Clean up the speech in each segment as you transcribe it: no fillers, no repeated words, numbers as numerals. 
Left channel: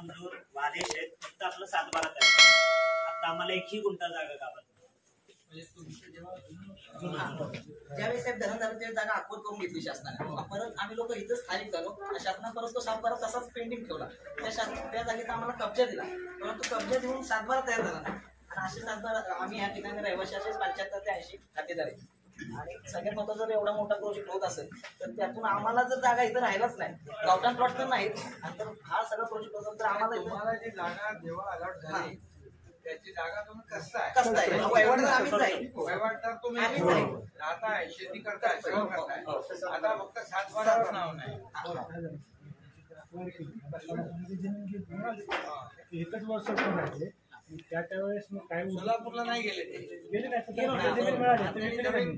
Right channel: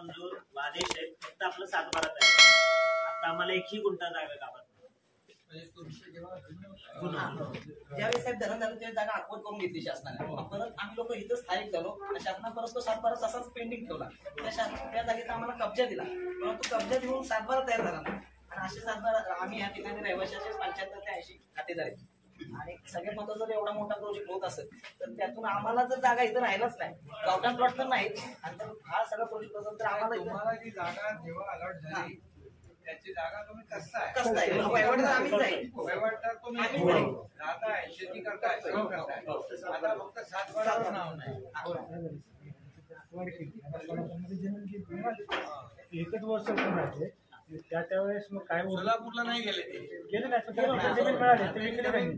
मंजूर आदेश आहेत, फक्त आपलं 7/12 आहे. आता आम्हाला एकही गुंठा जागा गावात ज्यावेळेस साहेब धरण झालं त्यावेळेस जागा आखवत करून घेतली शासनाने. परत आम्ही लोक इथं स्थायिक झालो. शासनाने परत तो 7/12 तसाच पेंडिंग ठेवला. त्या जागेचा आम्हाला कब्जा दिला, परंतु कब्जा देऊन 7/12 तयार झाला नाही. आणि असे 7/12 आम्ही ह्या ठिकाणी रहिवाशी असे 75 ते 80 खातेदार आहेत. आणि सगळ्यात महत्त्वाचं जर एवढा मोठा प्रोजेक्ट होत असेल तर त्यातून आम्हाला जर जागा इथं राहिलाच नाही, गावठाण प्लॉट तर नाहीत, आणि तर हा सगळा प्रोजेक्ट असेल तर आम्हाला जी जागा जेव्हा अलॉट झाली त्याची जागा तुम्ही कसताय वहिवाटदार तुम्ही राहताय, शेती करताय, सगळं करताय. आता फक्त 7/12 नाव नाही. एकच वर्ष पण राहिले त्यावेळेस मग काय सोलापूरला नाही गेले गेले नाही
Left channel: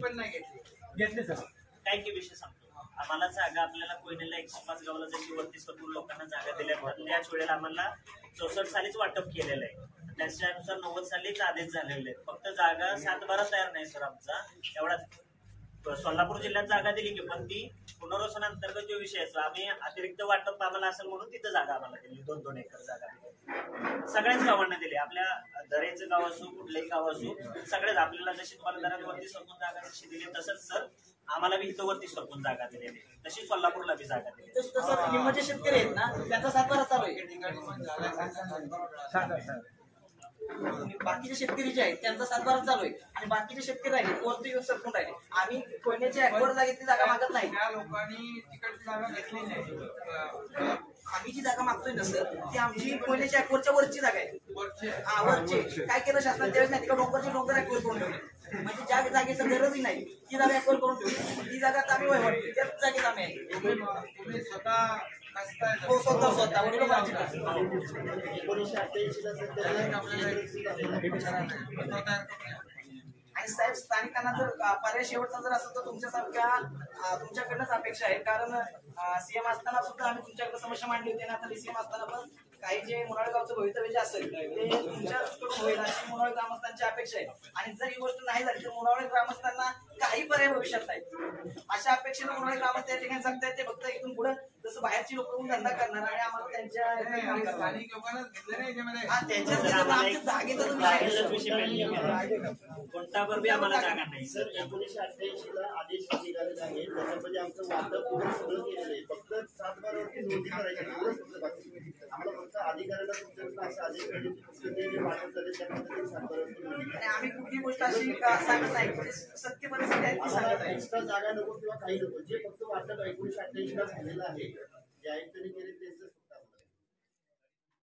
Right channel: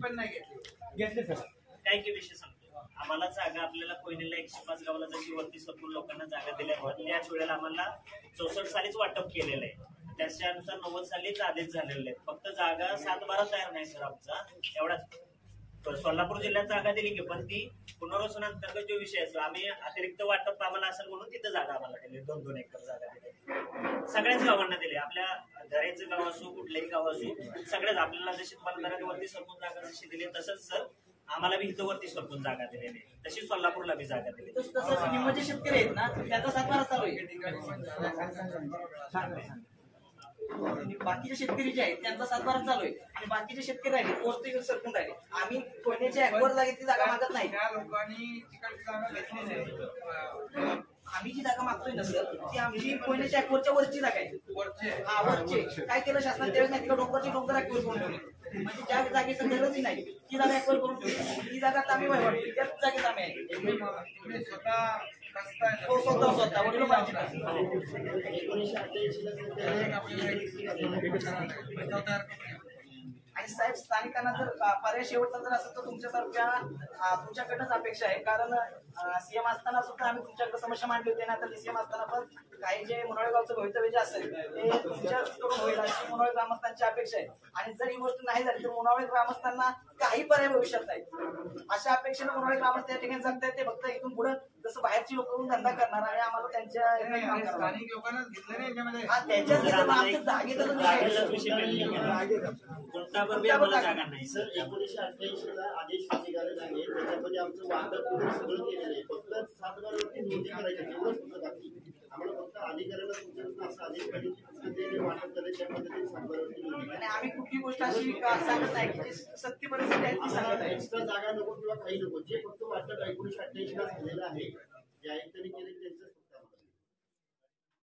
पण नाही घेतले सर. काय की विषय सांगतो. आम्हाला जागा आपल्याला कोयनेला 105 गावाला जशी वरती सरकून लोकांना जागा दिल्या त्याच वेळेला आम्हाला 64 सालीच वाटप केलेलं आहे. त्याच्यानुसार 90 सालीच आदेश झालेले आहेत. फक्त जागा 7/12 तयार नाही सर आमचा एवढाच. सोलापूर जिल्ह्यात जागा दिली की पण ती पुनर्वसन अंतर्गत जो विषय असतो आम्ही अतिरिक्त वाटप आम्हाला असेल म्हणून तिथं जागा आम्हाला दिली. 2-2 एकर जागा दिली सगळ्याच गावांना दिली. आपल्या दरेचं गाव असो कुठलंही गाव असो सगळ्याच आपल्याला जशी तुम्हाला दरात वरती सरकून जागा जशी दिली तसंच सर आम्हाला बी इथं वरती सरकून जागा दिलेली तशी सोलापूरला बी जागा दिली. तसं जे शेतकरी आहेत ना त्यांचा 7/12 चालू आहे. बाकीचे शेतकरी जे आहेत त्यांचा 7/12 चालू आहे आणि बाकीचे शेतकरी राहिले वरती सरकून राहिले. आम्ही कोयनेच्या ऍक्वर जागेतली जागा मागत नाही. त्या लोकांनी तिकडची जागा घेतली नाही. आम्ही जी जागा मागतोय ना सर ती आमची कोयनेच्या ऍक्वरच्या वरची जागा आहे. हा वरचे काय केलं शासनाने त्यावेळेस नाही तिकडे डोंगरचे डोंगर ऍक्वर करून ठेवले. म्हणजे ज्या जागेचं गरजही नाही ती जागा ऍक्वर करून ठेवली. ती जागा आम्ही वहिवाट त्याच जागेत आम्ही आहे. तुम्ही स्वतः स्वतः वडील आणि साहेब स्थानिकांना जर पर्याय शेवटचा जर असेल तर तुमच्याकडनंच अपेक्षा आहे. कारण सीएम असताना सुद्धा आम्ही तुमच्याकडे समस्या मांडली होती ना. आता सीएम असताना पण काही जे मुनाळगावचं भवितव्य जे असेल ते तुमच्याकडून होईल अशी मुनाळ ग्रामस्थांची अपेक्षा आहे. आणि जर ही गोष्ट नाही झाली तर मुनाळ ग्रामस्थांना काही पर्याय भविष्यात नाही. अशा अपेक्षेनं मुनाळ ग्रामस्थ या ठिकाणी जगतायत. ते फक्त इथून पुढे जसं बाहेरची लोक धंदा करणार आणि आम्हाला त्यांच्या स्थानिक लोकांनाच घेतलं नाही याच्यामध्ये. कोणता बी आम्हाला जागा नाही सर. 1988 ला आदेश निघाले आहे त्याच्यामध्ये आमचं वाटप वगैरे सगळं केलेलं आहे. फक्त 7/12 वरती नोंदी करायची एवढंच फक्त बाकी. आम्हाला फक्त अधिकाऱ्याला तुमच्याकडून असं आदेश पाहिजे की फक्त ते वाटप झाले त्या पद्धतीने 7/12 वरती नोंदी. आणि आम्ही कुठली गोष्ट अशी सांगत नाही की सत्य परिस्थिती आहे ती सांगत आहे. एक्स्ट्रा जागा नको किंवा काही नको. जे फक्त वाटप 1988 ला झालेलं आहे जे आयुक्तांनी केले त्यांचं